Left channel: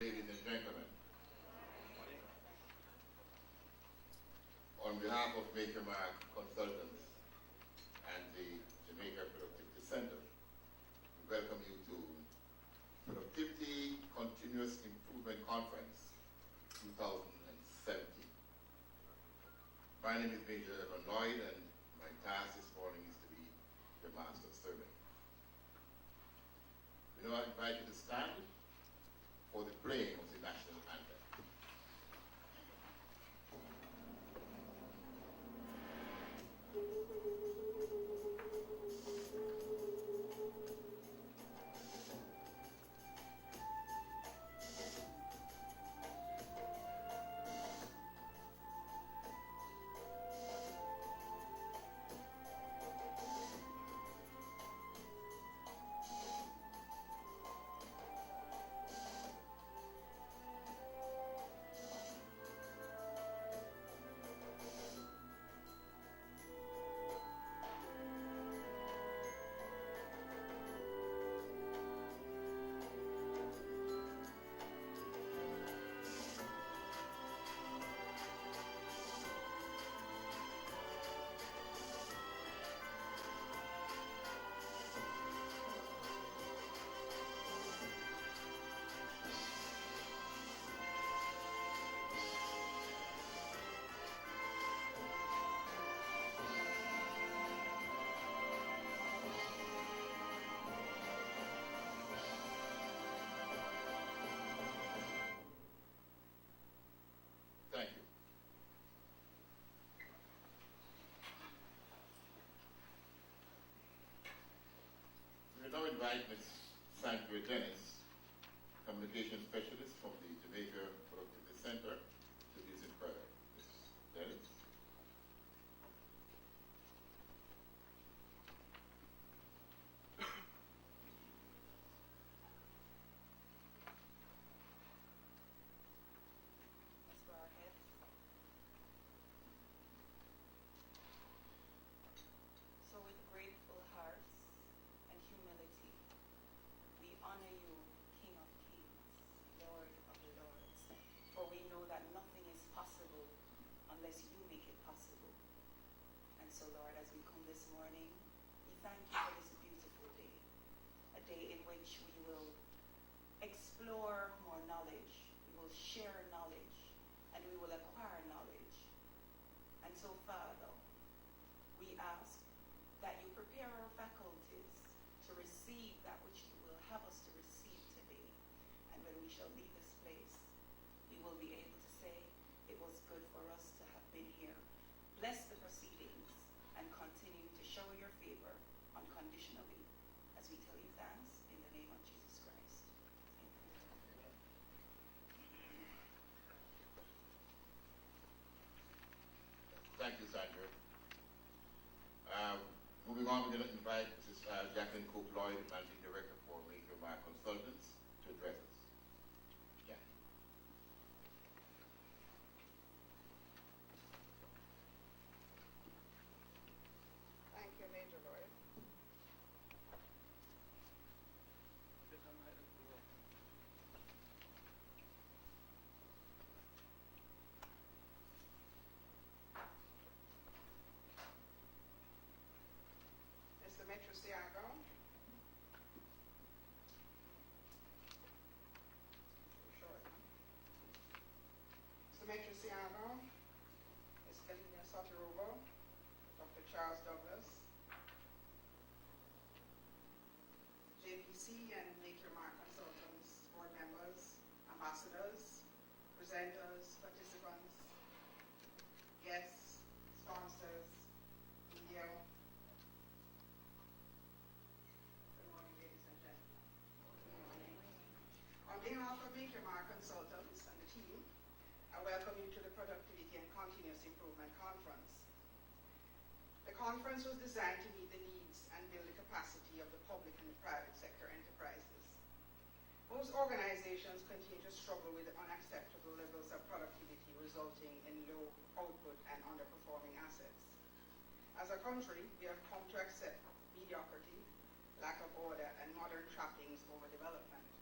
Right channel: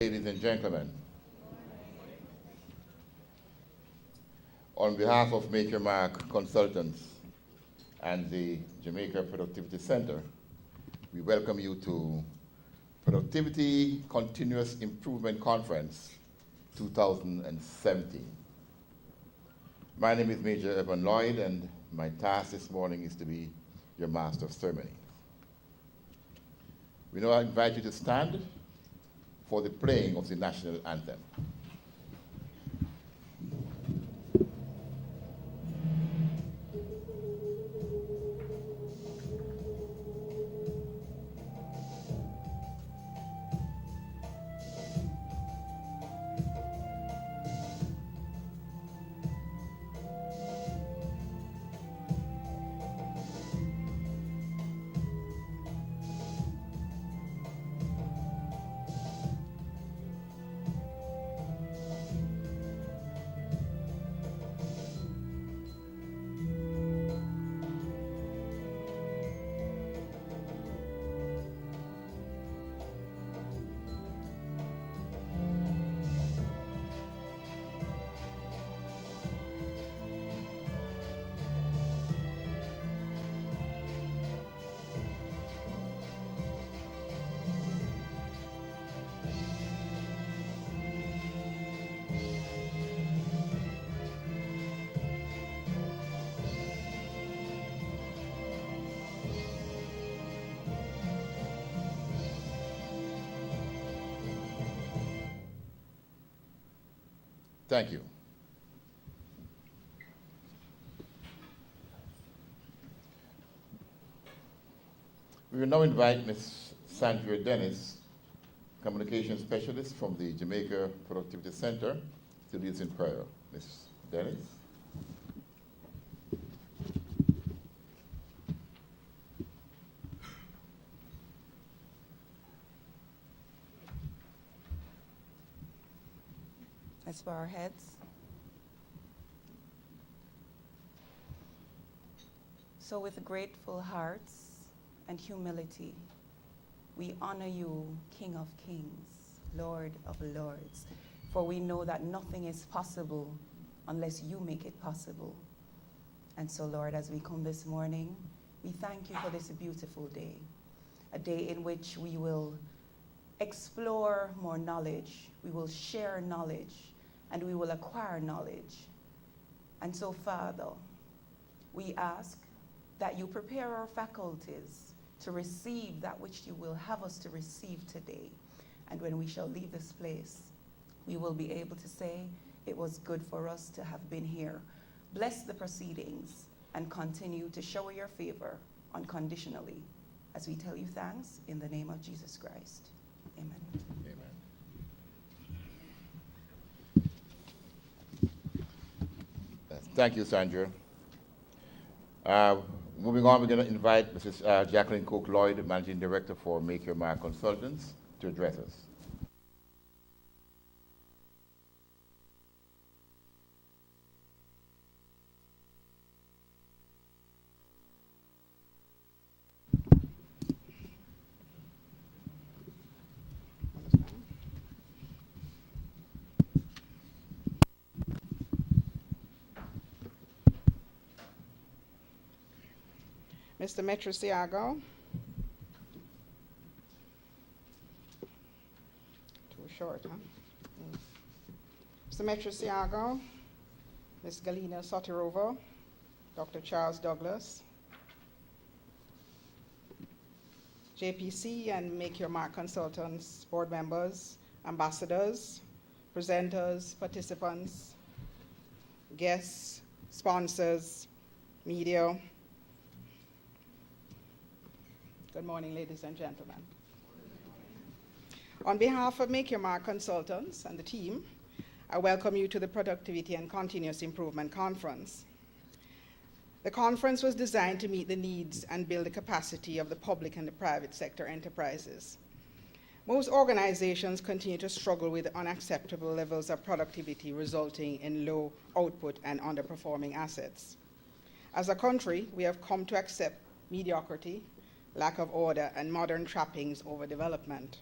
Ladies and gentlemen, on behalf of Make Your Mark Consultants and the Jamaica Productivity Center, we welcome you to Productivity Continuous Improvement Conference 2017. My name is Major Evan Lloyd, and my task this morning is to be your Master of Ceremonies. We now invite you to stand for the playing of the national anthem. Thank you. We will now invite Ms. Sandra Dennis, Communications Specialist from the Jamaica Productivity Center, to lead us in prayer. Ms. Dennis. Let's bow our heads. So with grateful hearts and humility, we honor you, King of Kings, Lord of Lords, for we know that nothing is possible unless you make it possible. And so, Lord, as we come this morning, we thank you for this beautiful day, a day in which we will explore more knowledge, we will share knowledge, and we will acquire knowledge. And so, Father, we ask that you prepare our faculties to receive that which you will have us to receive today. And when we shall leave this place, we will be able to say, it was good for us to have been here. Bless the proceedings and continue to show your favor unconditionally as we tell you thanks in the name of Jesus Christ. Amen. Thank you, Sandra. Moving on, we're going to invite Mrs. Jacqueline Cook Lloyd, the Managing Director for Make Your Mark Consultants, to address us. Thank you, Major Lloyd. Mr. Metrosiago. Too short, huh? Mr. Metrosiago, Ms. Galina Sotirovo, Dr. Charles Douglas, JPC and Make Your Mark Consultants, board members, ambassadors, presenters, participants, guests, sponsors, media. Good morning, ladies and gentlemen. On behalf of Make Your Mark Consultants and the team, I welcome you to the Productivity and Continuous Improvement Conference. The conference was designed to meet the needs and build the capacity of the public and the private sector enterprises. Most organizations continue to struggle with unacceptable levels of productivity, resulting in low output and underperforming assets. As a country, we have come to accept mediocrity, lack of order, and modern trappings over development.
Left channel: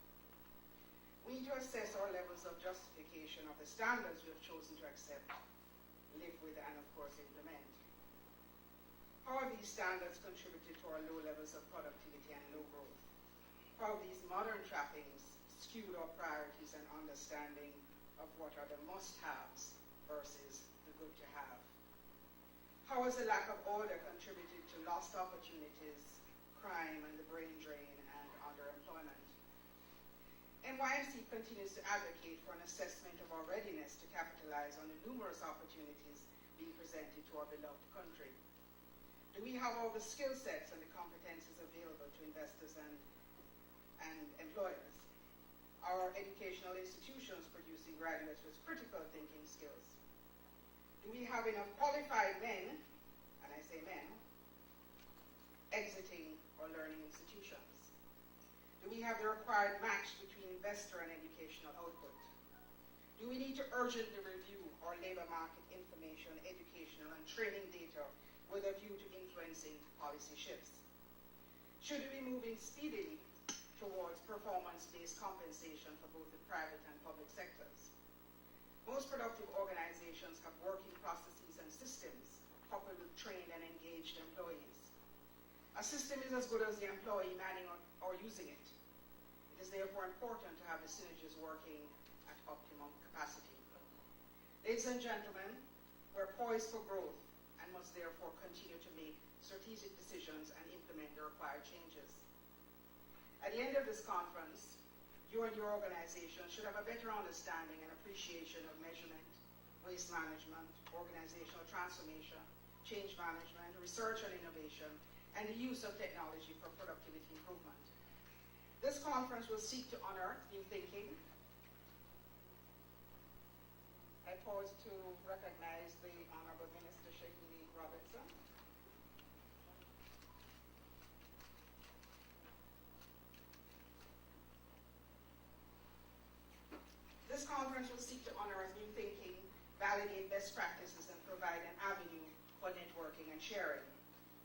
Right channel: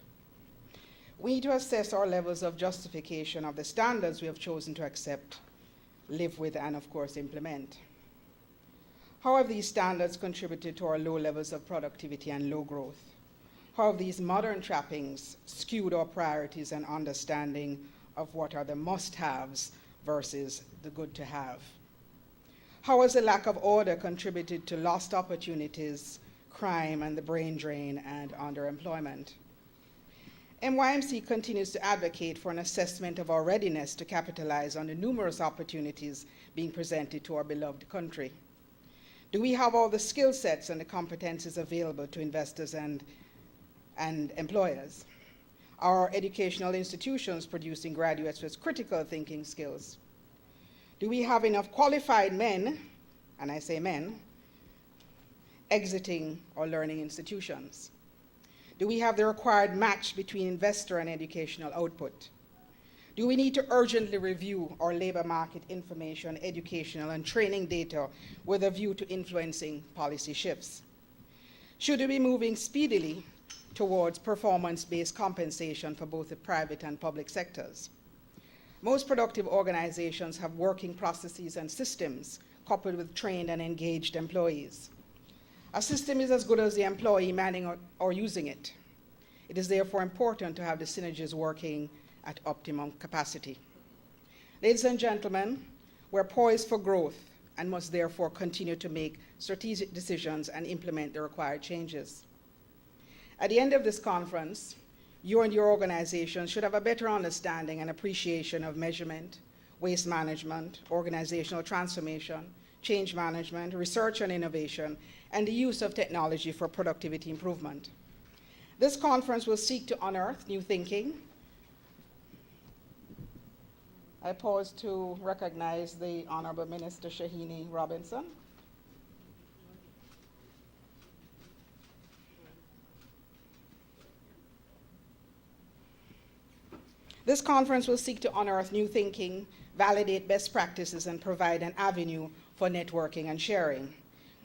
we need to assess our levels of justification of the standards we have chosen to accept, live with, and of course implement. How have these standards contributed to our low levels of productivity and low growth? How have these modern trappings skewed our priorities and understanding of what are the must-haves versus the good-to-have? How has the lack of order contributed to lost opportunities, crime, and the brain drain and underemployment? MYMC continues to advocate for an assessment of our readiness to capitalize on the numerous opportunities being presented to our beloved country. Do we have all the skill sets and the competencies available to investors and employers? Are our educational institutions producing graduates with critical thinking skills? Do we have enough qualified men, and I say men, exiting our learning institutions? Do we have the required match between investor and educational output? Do we need to urgently review our labor market information, educational, and training data with a view to influencing policy shifts? Should we be moving speedily towards performance-based compensation for both the private and public sectors? Most productive organizations have working processes and systems coupled with trained and engaged employees. A system is as good as the employee manning or using it. It is therefore important to have the synergies working at optimum capacity. Ladies and gentlemen, we're poised for growth and must therefore continue to make strategic decisions and implement the required changes. At the end of this conference, you and your organization should have a better understanding and appreciation of measurement, waste management, organizational transformation, change management, research and innovation, and the use of technology for productivity improvement. This conference will seek to unearth new thinking. I pause to recognize the Honorable Minister Shahini Robinson. This conference will seek to unearth new thinking, validate best practices, and provide an avenue for networking and sharing.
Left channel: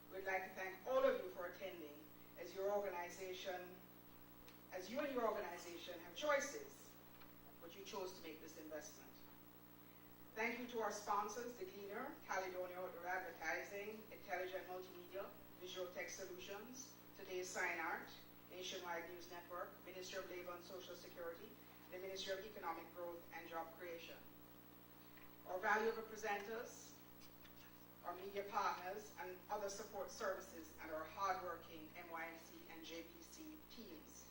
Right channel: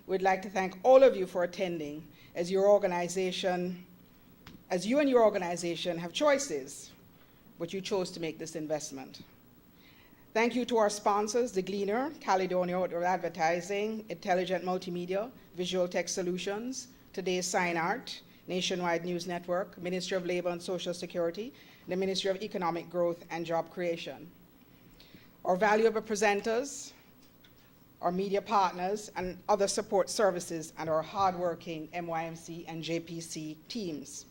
We'd like to thank all of you for attending, as you and your organization have choices, but you chose to make this investment. Thank you to our sponsors, The Gleaner, Caledonia Outdoor Advertising, Intelligent Multimedia, Visual Tech Solutions, Today's Sign Art, Nationwide News Network, Ministry of Labor and Social Security, the Ministry of Economic Growth and Job Creation. Our valuable presenters, our media partners, and other support services, and our hardworking MYMC and JPC teams.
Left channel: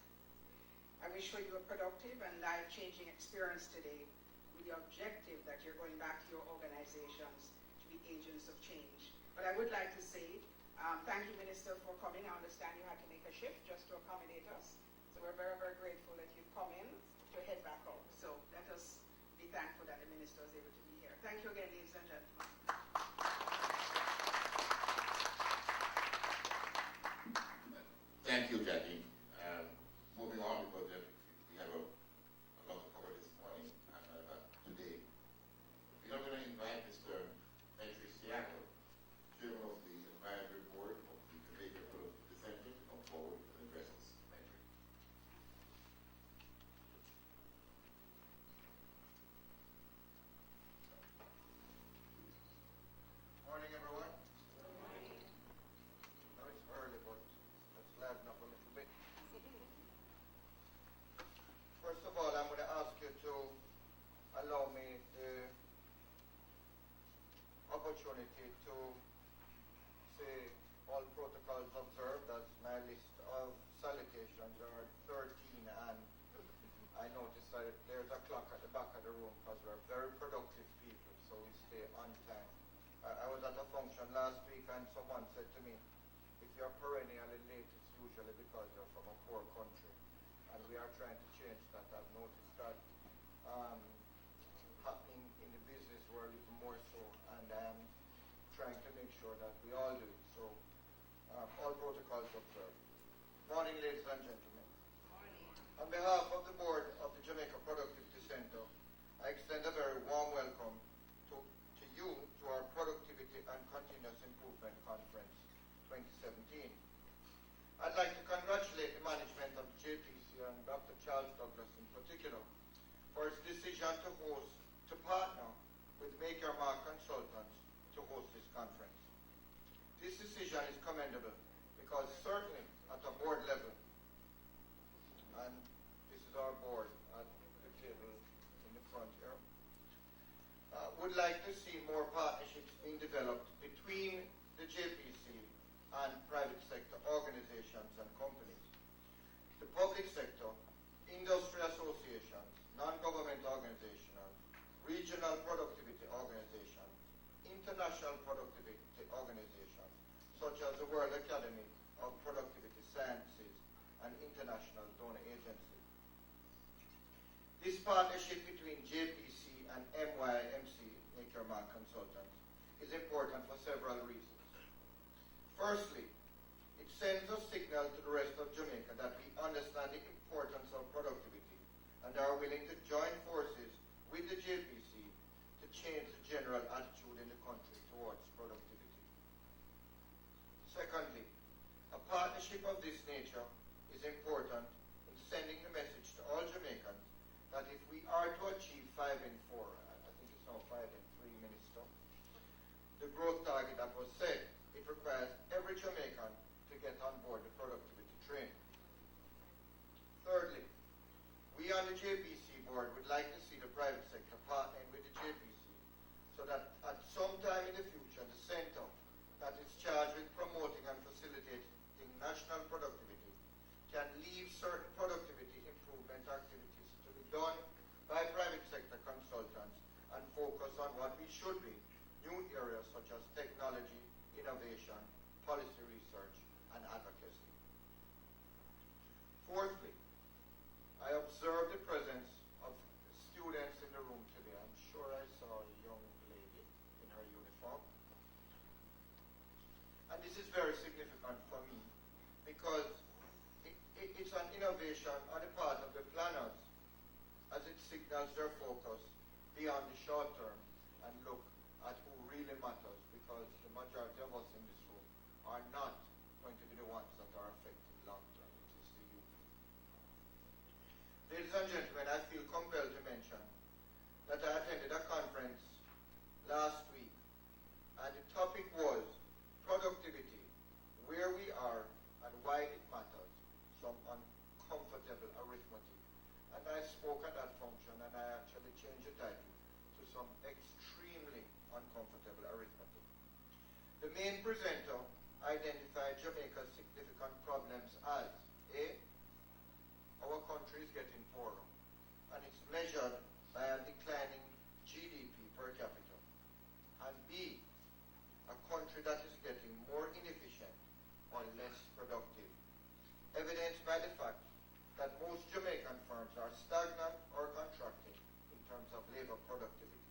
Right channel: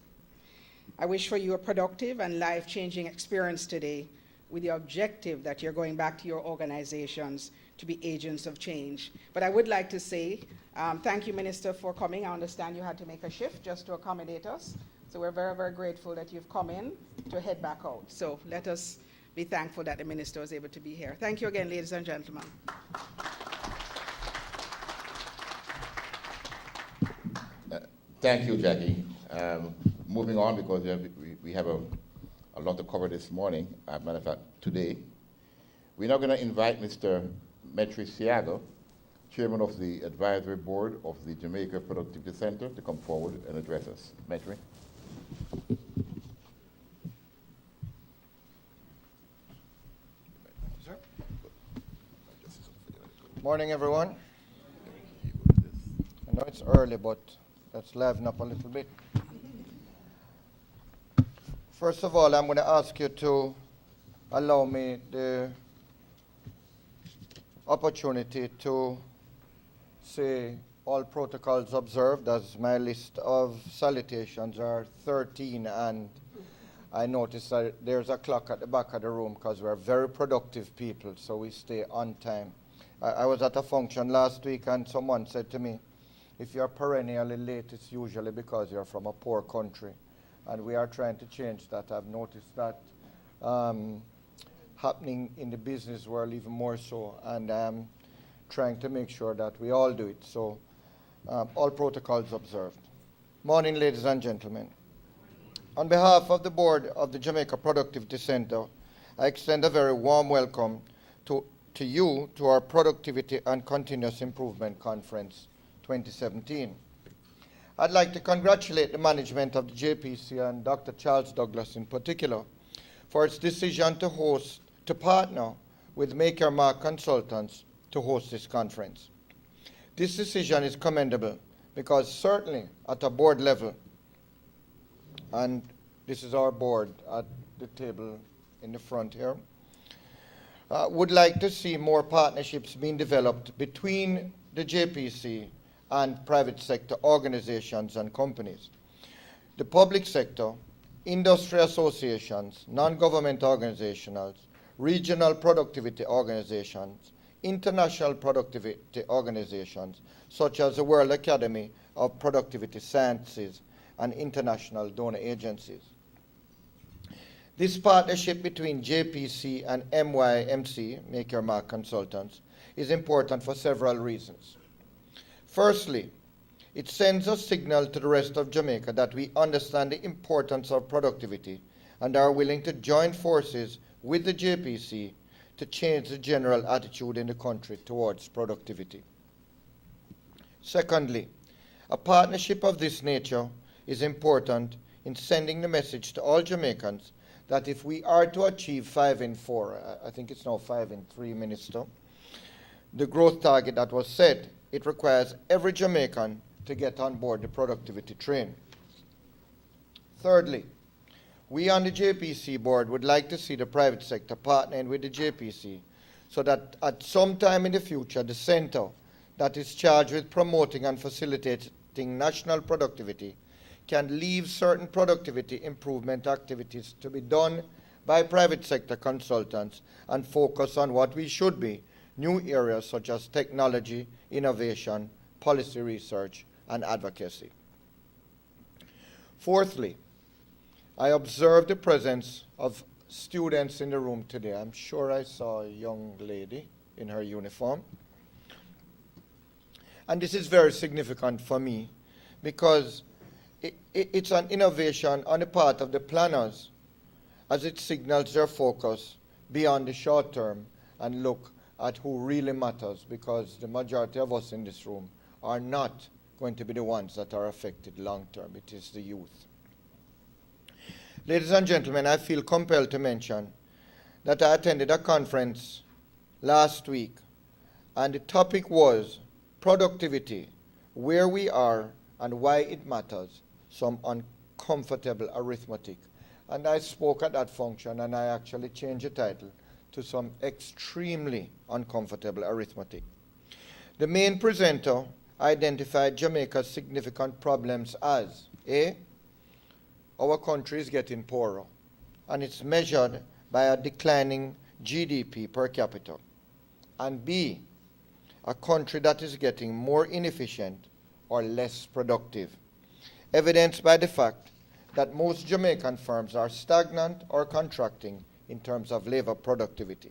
I wish for you a productive and life-changing experience today, with the objective that you're going back to your organizations to be agents of change. But I would like to say thank you, Minister, for coming. I understand you had to make a shift just to accommodate us. So we're very, very grateful that you've come in to head back out. So let us be thankful that the Minister was able to be here. Thank you again, ladies and gentlemen. Thank you, Jackie. Moving on, because we have a lot to cover this morning, matter of fact, today. We're now going to invite Mr. Metri Siago, Chairman of the Advisory Board of the Jamaica Productivity Center, to come forward and address us. Metri. Sir. Morning, everyone. I know it's early, but let's liven up a little bit. First of all, I'm going to ask you to allow me the opportunity to say all protocols observed, as my list of salutations are 13, and I noticed that there's a clock at the back of the room because we're very productive people, so we stay on time. I was at a function last week and someone said to me, if you're perennially late, it's usually because you're from a poor country. And we are trying to change that. I've noticed that happening in the business world even more so, and I'm trying to make sure that we all do it. So all protocols observed. Morning, ladies and gentlemen. On behalf of the board of the Jamaica Productivity Center, I extend a very warm welcome to you to our Productivity and Continuous Improvement Conference 2017. I'd like to congratulate the management of the JPC and Dr. Charles Douglas in particular for its decision to partner with Make Your Mark Consultants to host this conference. This decision is commendable because certainly at a board level, and this is our board at the table in the front here, would like to see more partnerships being developed between the JPC and private sector organizations and companies. The public sector, industry associations, non-government organizations, regional productivity organizations, international productivity organizations, such as the World Academy of Productivity Sciences and international donor agencies. This partnership between JPC and MYMC, Make Your Mark Consultants, is important for several reasons. Firstly, it sends a signal to the rest of Jamaica that we understand the importance of productivity and are willing to join forces with the JPC to change the general attitude in the country towards productivity. Secondly, a partnership of this nature is important in sending the message to all Jamaicans that if we are to achieve 5 in 4, I think it's now 5 in 3, Minister, the growth target that was set, it requires every Jamaican to get on board the productivity train. Thirdly, we on the JPC board would like to see the private sector partnering with the JPC so that at some time in the future, the center that is charged with promoting and facilitating national productivity can leave certain productivity improvement activities to be done by private sector consultants and focus on what we should be, new areas such as technology, innovation, policy research, and advocacy. Fourthly, I observed the presence of students in the room today. I'm sure I saw a young lady in her uniform. And this is very significant for me because it's an innovation on the part of the planners as it signals their focus beyond the short term and look at who really matters, because the majority of us in this room are not going to be the ones that are affected long term. It is the youth. Ladies and gentlemen, I feel compelled to mention that I attended a conference last week, and the topic was productivity, where we are and why it matters, some uncomfortable arithmetic. And I spoke at that function, and I actually changed the title to some extremely uncomfortable arithmetic. The main presenter identified Jamaica's significant problems as A, our country is getting poorer, and it's measured by a declining GDP per capita, and B, a country that is getting more inefficient or less productive, evidenced by the fact that most Jamaican firms are stagnant or contracting in terms of labor productivity.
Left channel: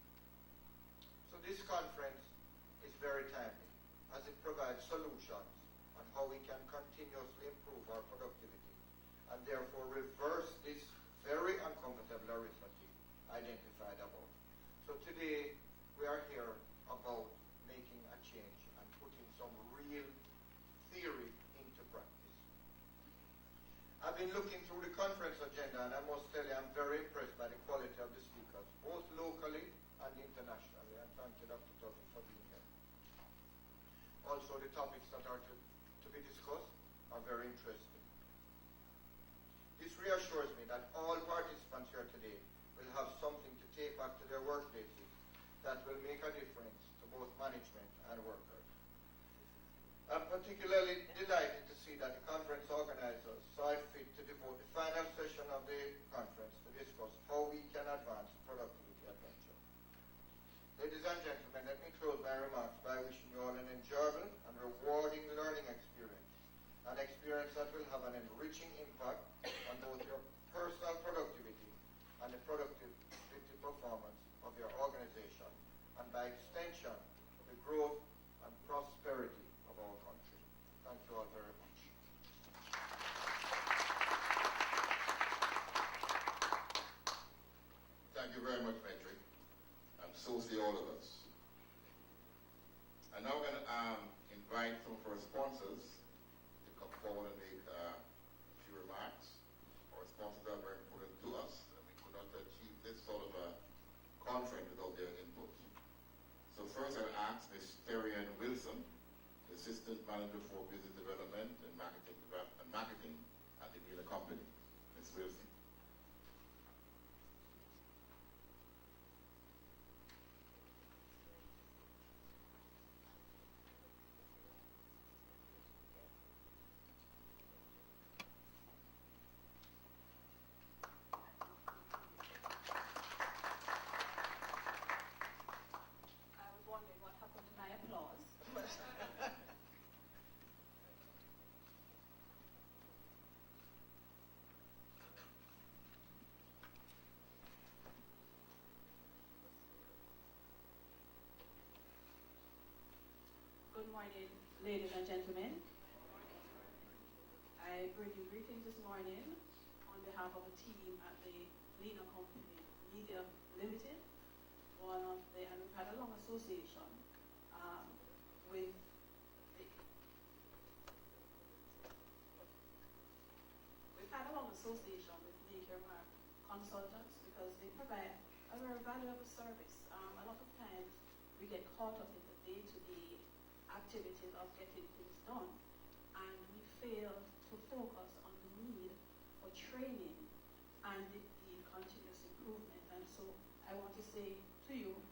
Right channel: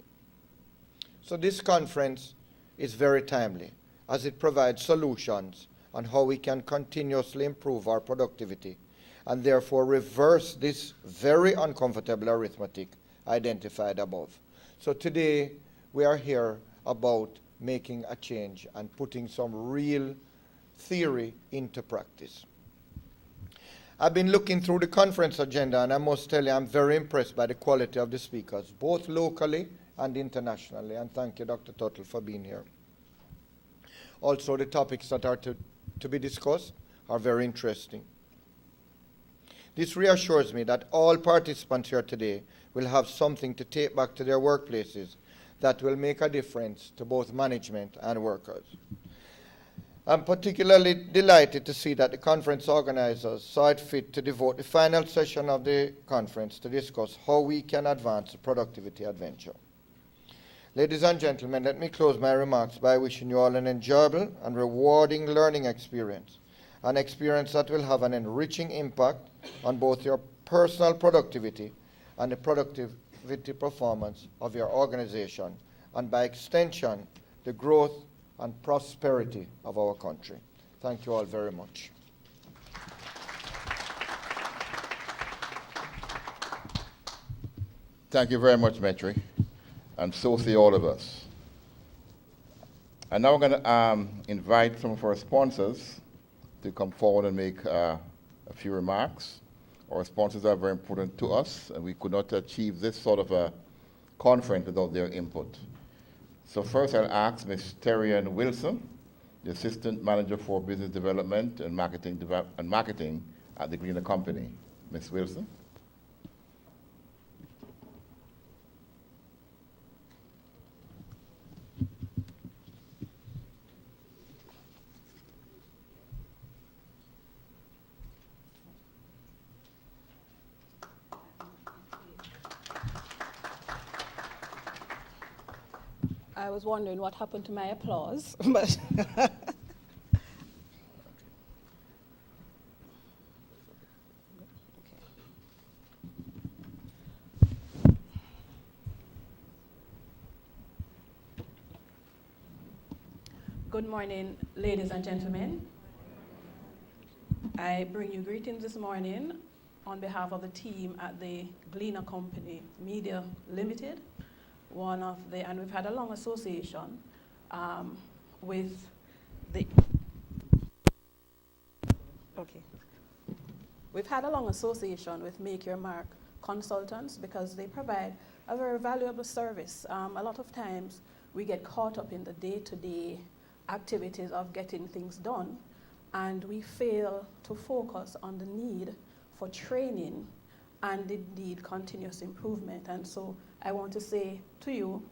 So this conference is very timely, as it provides solutions on how we can continuously improve our productivity and therefore reverse this very uncomfortable arithmetic identified above. So today we are here about making a change and putting some real theory into practice. I've been looking through the conference agenda, and I must tell you I'm very impressed by the quality of the speakers, both locally and internationally, and thank you, Dr. Tuttle, for being here. Also, the topics that are to be discussed are very interesting. This reassures me that all participants here today will have something to take back to their workplaces that will make a difference to both management and workers. I'm particularly delighted to see that the conference organizers saw it fit to devote the final session of the conference to discuss how we can advance the productivity adventure. Ladies and gentlemen, let me close my remarks by wishing you all an enjoyable and rewarding learning experience, an experience that will have an enriching impact on both your personal productivity and the productivity performance of your organization, and by extension, the growth and prosperity of our country. Thank you all very much. Thank you very much, Metri, and so say all of us. And now we're going to invite some of our sponsors to come forward and make a few remarks. Our sponsors are very important to us, and we could not achieve this sort of a conference without their input. So first I'll ask Ms. Terrian Wilson, the Assistant Manager for Business Development and Marketing at the Gleaner Company. Ms. Wilson. I was wondering what happened to my applause, but good morning, ladies and gentlemen. I bring you greetings this morning on behalf of the team at the Gleaner Company Media Limited. And we've had a long association with the, We've had a long association with Make Your Mark consultants because they provide a very valuable service. A lot of times we get caught up in the day-to-day activities of getting things done, and we fail to focus on the need for training and indeed continuous improvement. And so I want to say to you,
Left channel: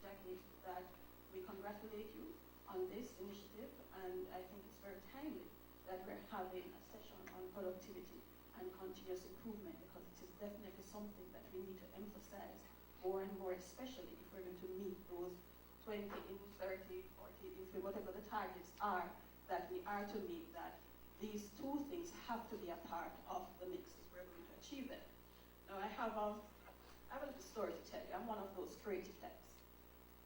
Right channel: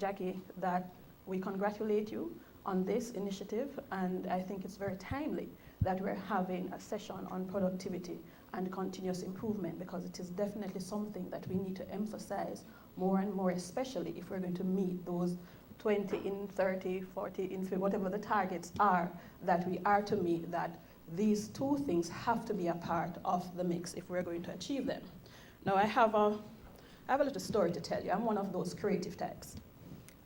Jackie, that we congratulate you on this initiative, and I think it's very timely that we're having a session on productivity and continuous improvement, because it is definitely something that we need to emphasize more and more, especially if we're going to meet those 20 in 30, 40 in 50, whatever the targets are that we are to meet, that these two things have to be a part of the mix if we're going to achieve them. Now I have a little story to tell you. I'm one of those creative types.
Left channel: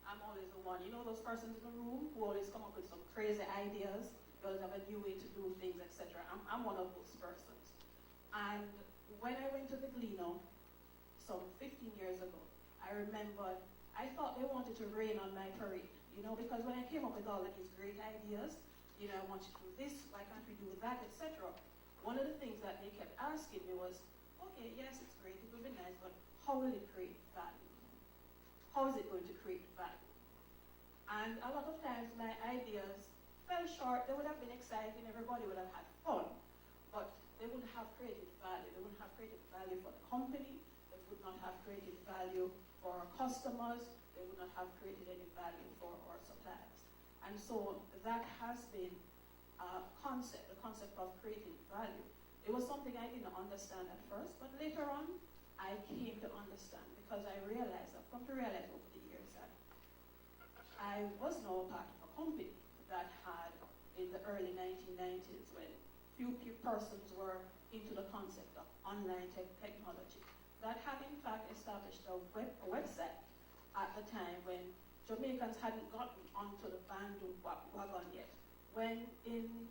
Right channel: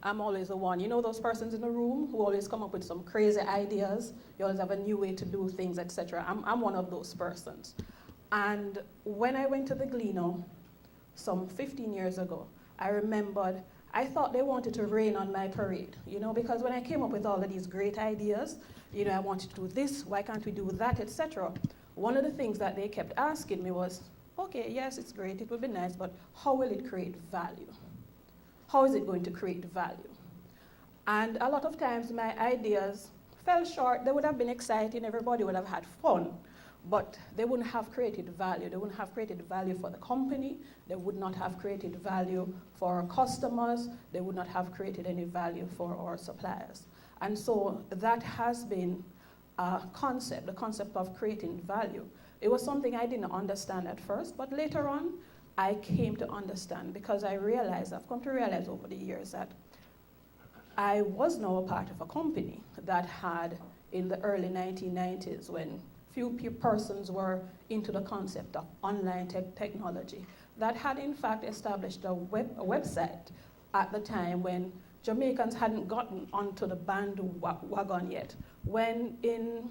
I'm always the one, you know those persons in the room who always come up with some crazy ideas, you always have a new way to do things, etc. I'm one of those persons. And when I went to the Gleaner some 15 years ago, I remembered I thought they wanted to rain on my parade, you know, because when I came up with all of these great ideas, you know, I wanted to do this, why can't we do that, etc. One of the things that they kept asking me was, okay, yes, it's great, it would be nice, but how will it create value? How is it going to create value? And a lot of times my ideas fell short. They would have been exciting, everybody would have had fun, but they wouldn't have created value. They wouldn't have created value for the company. They would not have created value for our customers. They would not have created any value for our suppliers. And so that has been a concept, the concept of creating value. It was something I didn't understand at first, but later on, I came to understand, because I've come to realize over the years that I was now a part of a company that had, in the early 1990s, when few persons were into the concept of online technology, that had in fact established a website at the time when Jamaicans hadn't gotten onto the bandwagon yet. When in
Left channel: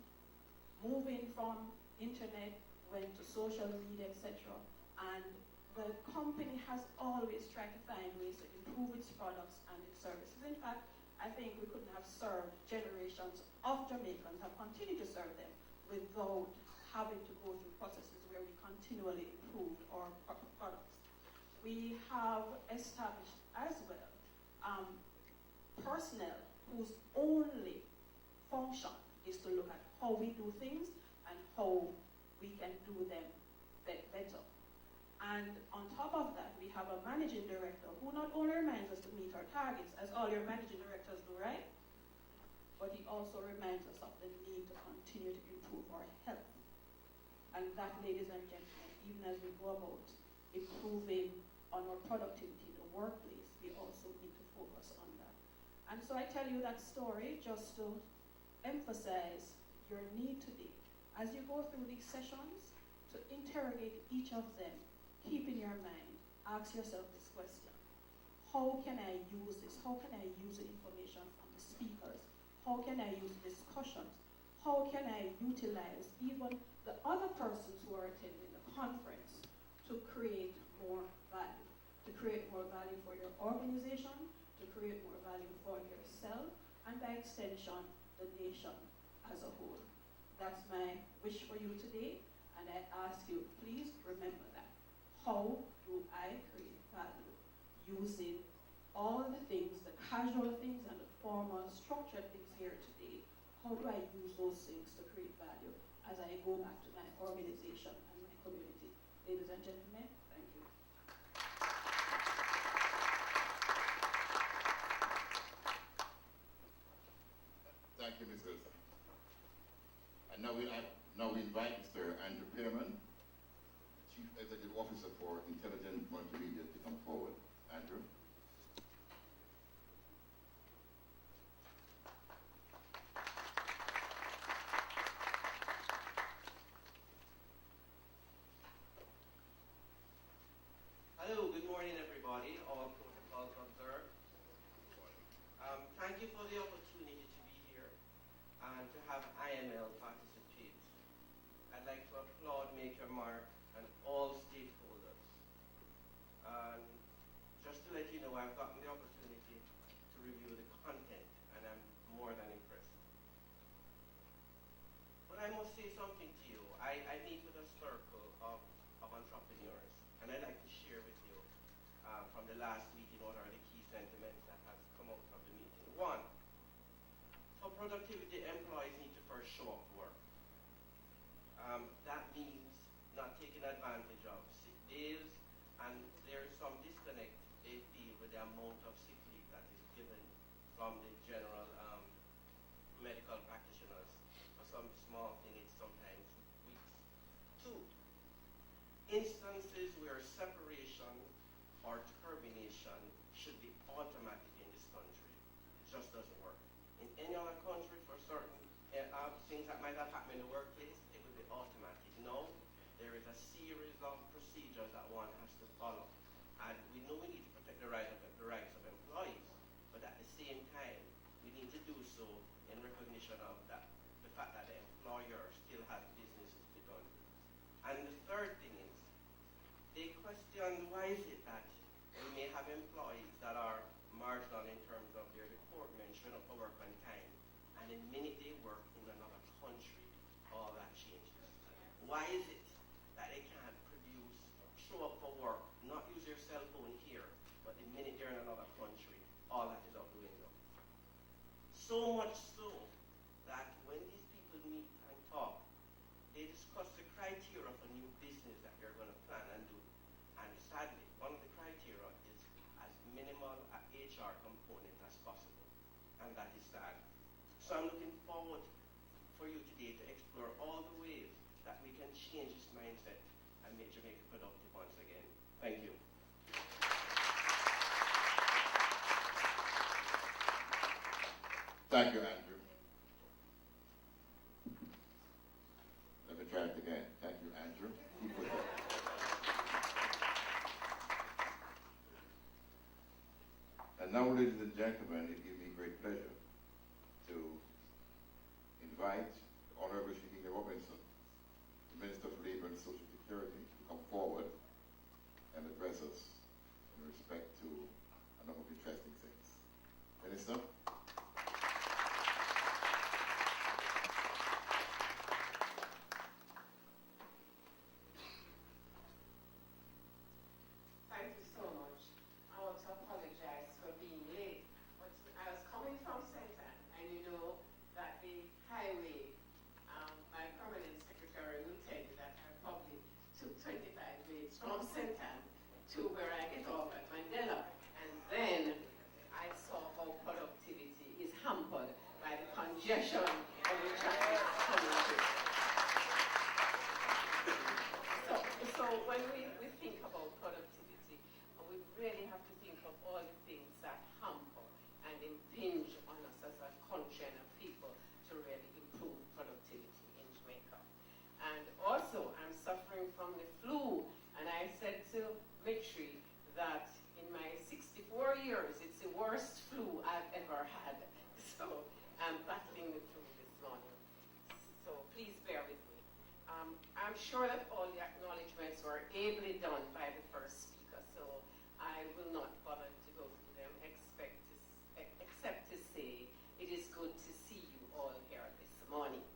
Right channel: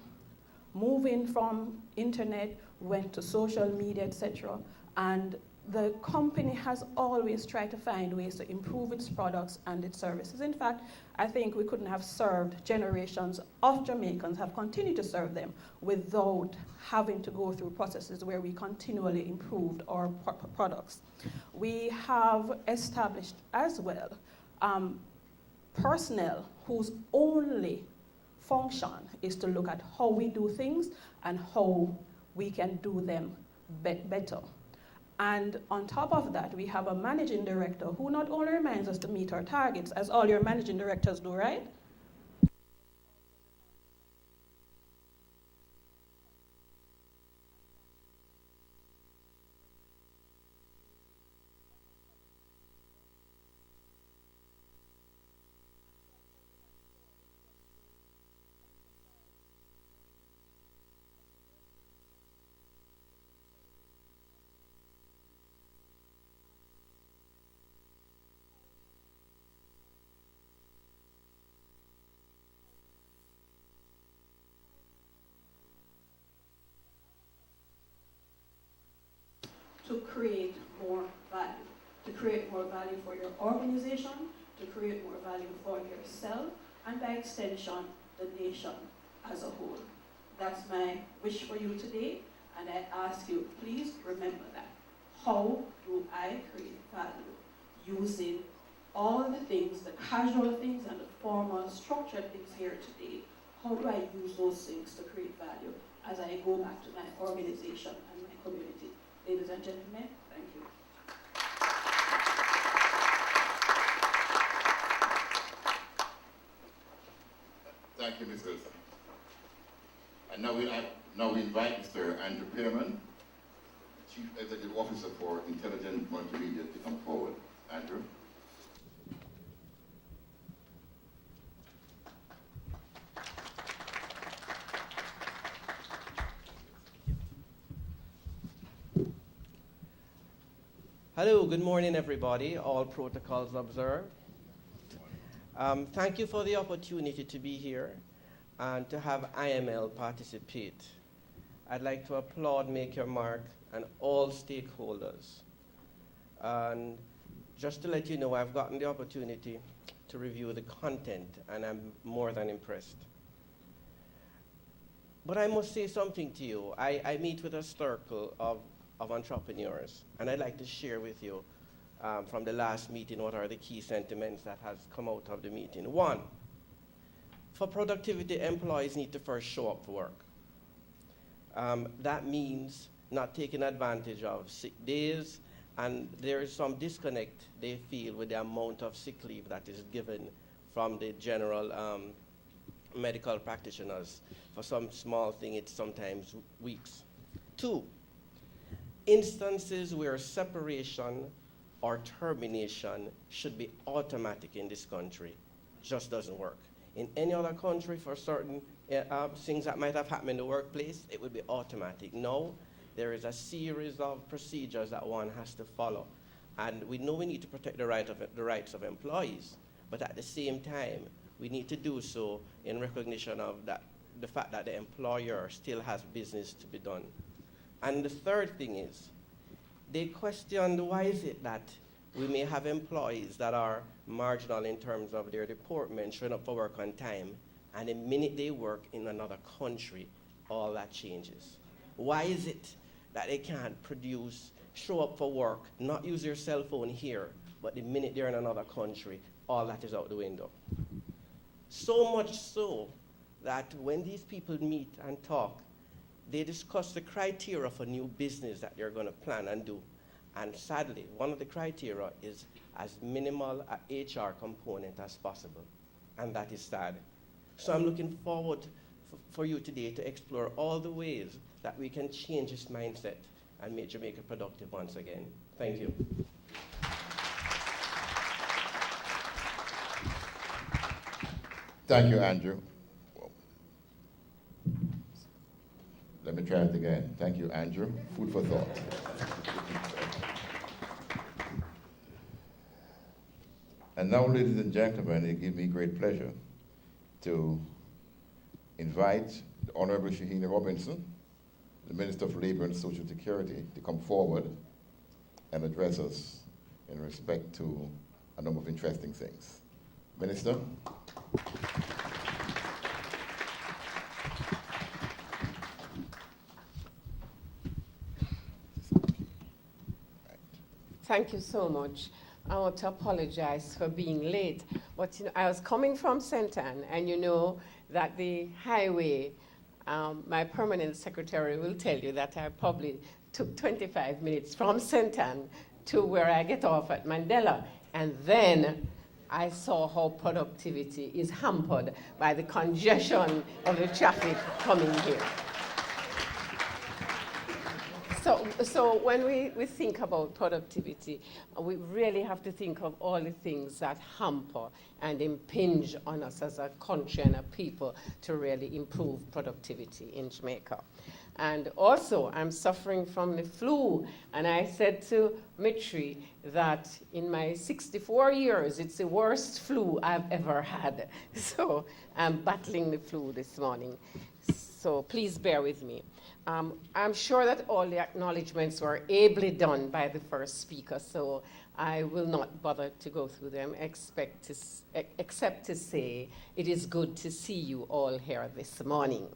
moving from internet, went to social media, etc. And the company has always tried to find ways to improve its products and its services. In fact, I think we couldn't have served generations of Jamaicans, have continued to serve them without having to go through processes where we continually improved our products. We have established as well personnel whose only function is to look at how we do things and how we can do them better. And on top of that, we have a managing director who not only reminds us to meet our targets, as all your managing directors do, right? But he also reminds us of the need to continue to improve our health. And that, ladies and gentlemen, even as we go about improving on our productivity in the workplace, we also need to focus on that. And so I tell you that story just to emphasize your need today, as you go through these sessions, to interrogate each of them. Keep in your mind, ask yourself this question: how can I use this? How can I use the information from the speakers? How can I use discussions? How can I utilize even the other persons who are attending the conference to create more value? To create more value for your organization, to create more value for yourself, and by extension, the nation as a whole. That's my wish for you today, and I ask you, please remember that. How do I create value? Using all the things, the casual things and the formal, structured things here today. How do I use those things to create value as I go back to my organization and my community? Ladies and gentlemen, thank you. Thank you, Ms. Wilson. And now we invite Mr. Andrew Pearman, Chief Executive Officer for Intelligent Multimedia, to come forward. Andrew. Hello, good morning everybody, all protocols observed. Thank you for the opportunity to be here and to have IML participate. I'd like to applaud Make Your Mark and all stakeholders. And just to let you know, I've gotten the opportunity to review the content and I'm more than impressed. But I must say something to you. I meet with a circle of entrepreneurs, and I'd like to share with you from the last meeting what are the key sentiments that has come out of the meeting. One, for productivity, employees need to first show up for work. That means not taking advantage of sick days, and there is some disconnect they feel with the amount of sick leave that is given from the general medical practitioners. For some small thing, it's sometimes weeks. Two, instances where separation or termination should be automatic in this country just doesn't work. In any other country, for certain things that might have happened in the workplace, it would be automatic. No, there is a series of procedures that one has to follow. And we know we need to protect the rights of employees, but at the same time, we need to do so in recognition of the fact that the employer still has business to be done. And the third thing is, they questioned why is it that we may have employees that are marginal in terms of their deportment, showing up for work on time, and the minute they work in another country, all that changes. Why is it that they can't show up for work, not use their cell phone here, but the minute they're in another country, all that is out the window? So much so that when these people meet and talk, they discuss the criteria for new business that you're going to plan and do. And sadly, one of the criteria is as minimal an HR component as possible. And that is sad. So I'm looking forward for you today to explore all the ways that we can change this mindset and make Jamaica productive once again. Thank you. Thank you, Andrew. Let me try it again. Thank you, Andrew. Food for thought. And now, ladies and gentlemen, it gives me great pleasure to invite the Honorable Shahina Robinson, the Minister of Labor and Social Security, to come forward and address us in respect to a number of interesting things. Minister? Thank you so much. I want to apologize for being late, but I was coming from St. Ann, and you know that the highway, my permanent secretary will tell you that I probably took 25 minutes from St. Ann to where I get off at Mandela, and then I saw how productivity is hampered by the congestion of the traffic coming here. So when we think about productivity, we really have to think of all the things that hamper and impinge on us as a country and a people to really improve productivity in Jamaica. And also, I'm suffering from the flu, and I said to Mitri that in my 64 years, it's the worst flu I've ever had. So I'm battling the flu this morning. So please bear with me. I'm sure that all the acknowledgements were ably done by the first speaker, so I will not bother to go through them, except to say it is good to see you all here this morning.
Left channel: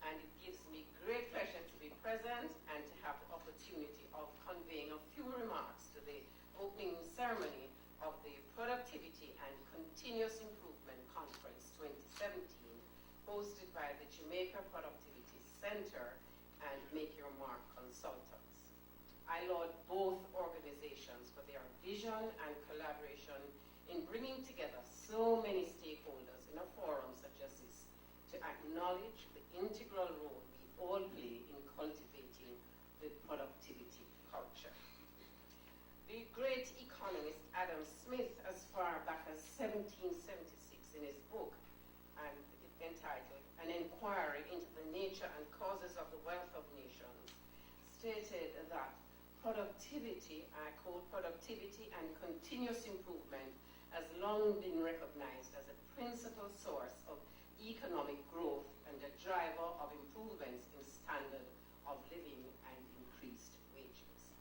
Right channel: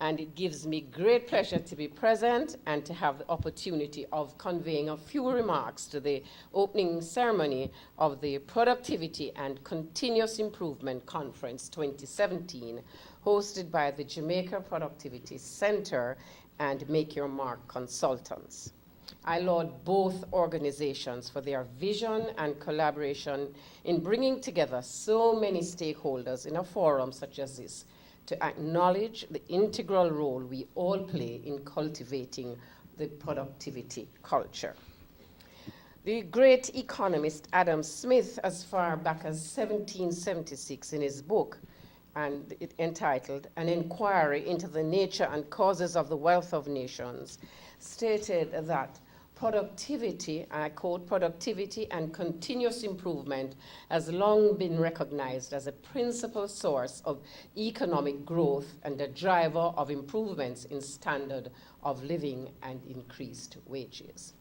and it gives me great pleasure to be present and to have the opportunity of conveying a few remarks to the opening ceremony of the Productivity and Continuous Improvement Conference 2017, hosted by the Jamaica Productivity Center and Make Your Mark Consultants. I laud both organizations for their vision and collaboration in bringing together so many stakeholders in a forum such as this to acknowledge the integral role we all play in cultivating the productivity culture. The great economist Adam Smith, as far back as 1776, in his book entitled An Inquiry into the Nature and Causes of the Wealth of Nations, stated that productivity, I quote, productivity and continuous improvement has long been recognized as a principal source of economic growth and a driver of improvements in standard of living and increased wages.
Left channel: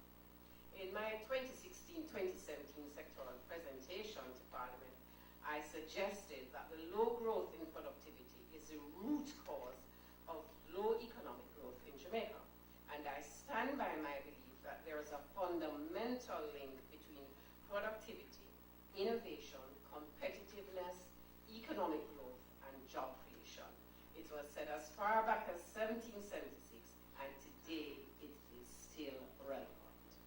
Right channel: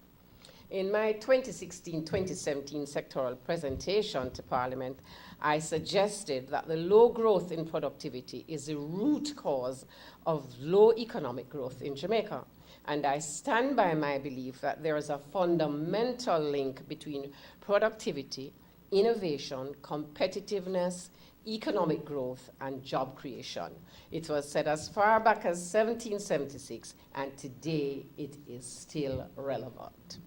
In my 2016-2017 sectoral presentation to Parliament, I suggested that the low growth in productivity is a root cause of low economic growth in Jamaica. And I stand by my belief that there is a fundamental link between productivity, innovation, competitiveness, economic growth, and job creation. It was said as far back as 1776, and today it is still relevant.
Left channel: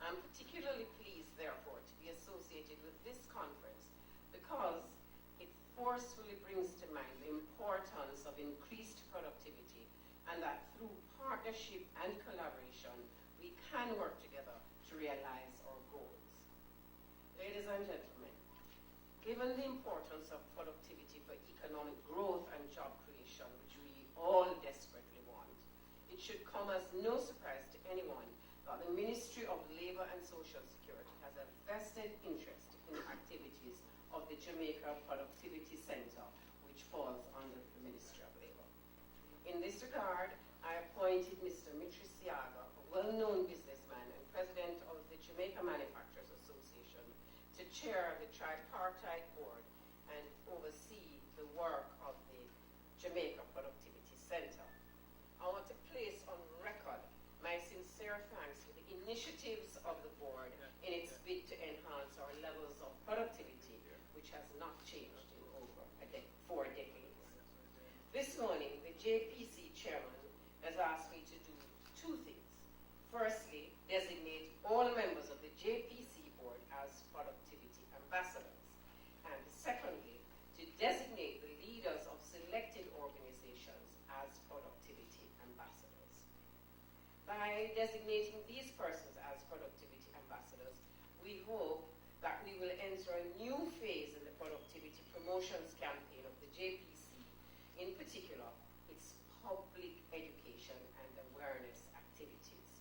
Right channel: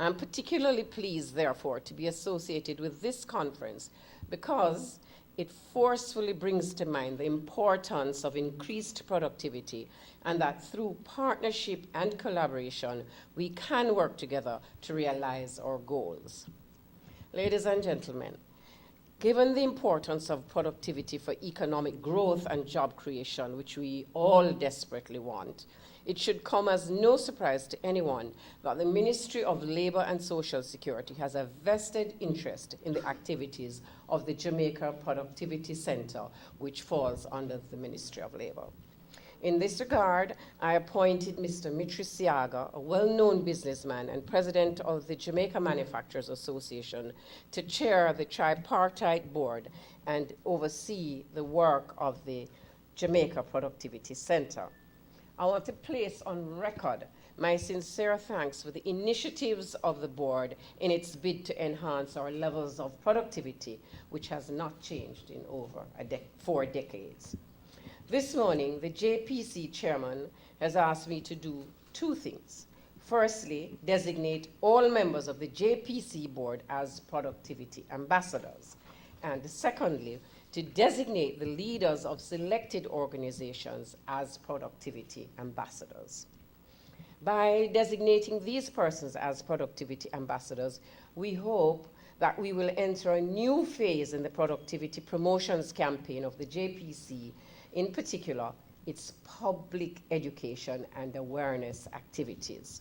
I'm particularly pleased, therefore, to be associated with this conference because it forcefully brings to mind the importance of increased productivity and that through partnership and collaboration, we can work together to realize our goals. Ladies and gentlemen, given the importance of productivity for economic growth and job creation, which we all desperately want, it should come as no surprise to anyone that the Ministry of Labour and Social Security has a vested interest in the activities of the Jamaica Productivity Center, which falls under the Ministry of Labour. In this regard, I appointed Mr. Mitri Siaga, a well-known businessman and president of the Jamaica Manufacturers Association, to chair the tripartite board and oversee the work of the Jamaica Productivity Center. I want to place on record my sincere thanks for the initiatives of the board in its bid to enhance our levels of productivity, which has not changed in over 4 decades. This morning, the JPC chairman has asked me to do 2 things. Firstly, designate all members of the JPC board as productivity ambassadors. And secondly, to designate the leaders of selected organizations as productivity ambassadors. By designating these persons as productivity ambassadors, we hope that we will enter a new phase in the productivity promotions campaign of the JPC, in particular, its public education and awareness activities.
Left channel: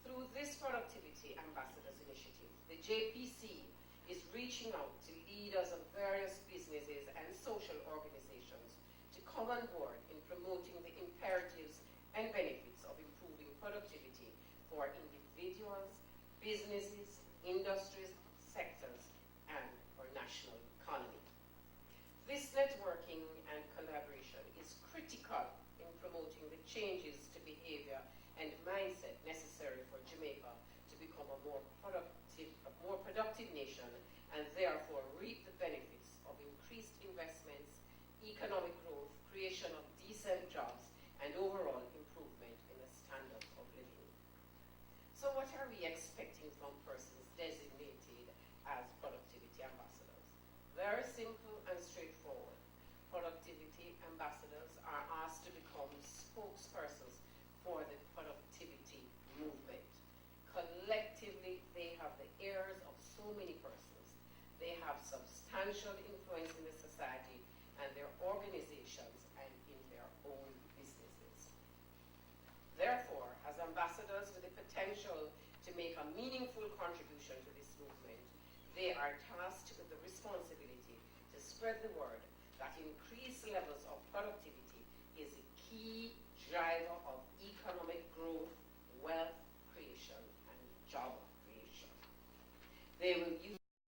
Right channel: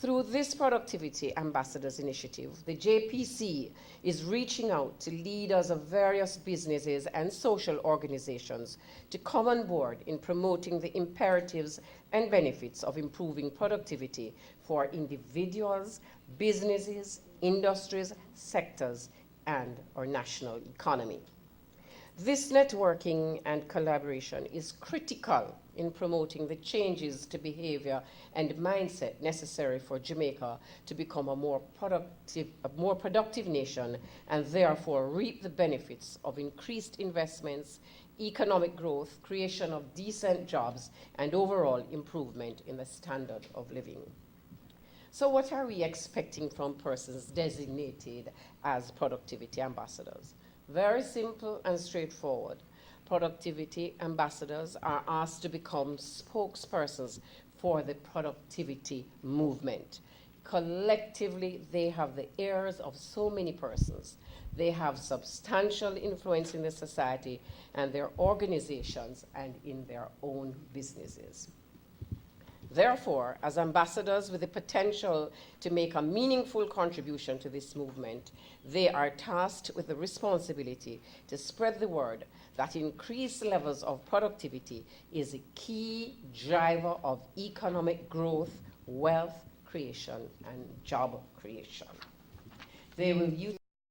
Through this Productivity Ambassadors Initiative, the JPC is reaching out to leaders of various businesses and social organizations to come on board in promoting the imperatives and benefits of improving productivity for individuals, businesses, industries, sectors, and our national economy. This networking and collaboration is critical in promoting the changes to behavior and mindset necessary for Jamaica to become a more productive nation and therefore reap the benefits of increased investments, economic growth, creation of decent jobs, and overall improvement in the standard of living. So what are we expecting from persons designated as productivity ambassadors? Very simple and straightforward. Productivity ambassadors are asked to become spokespersons for the productivity movement. Collectively, they have the ears of so many persons. They have substantial influence in the society and their organizations and in their own businesses. Therefore, as ambassadors with the potential to make a meaningful contribution to this movement, they are tasked with the responsibility to spread the word that increased levels of productivity is a key driver of economic growth, wealth creation, and job creation. They will use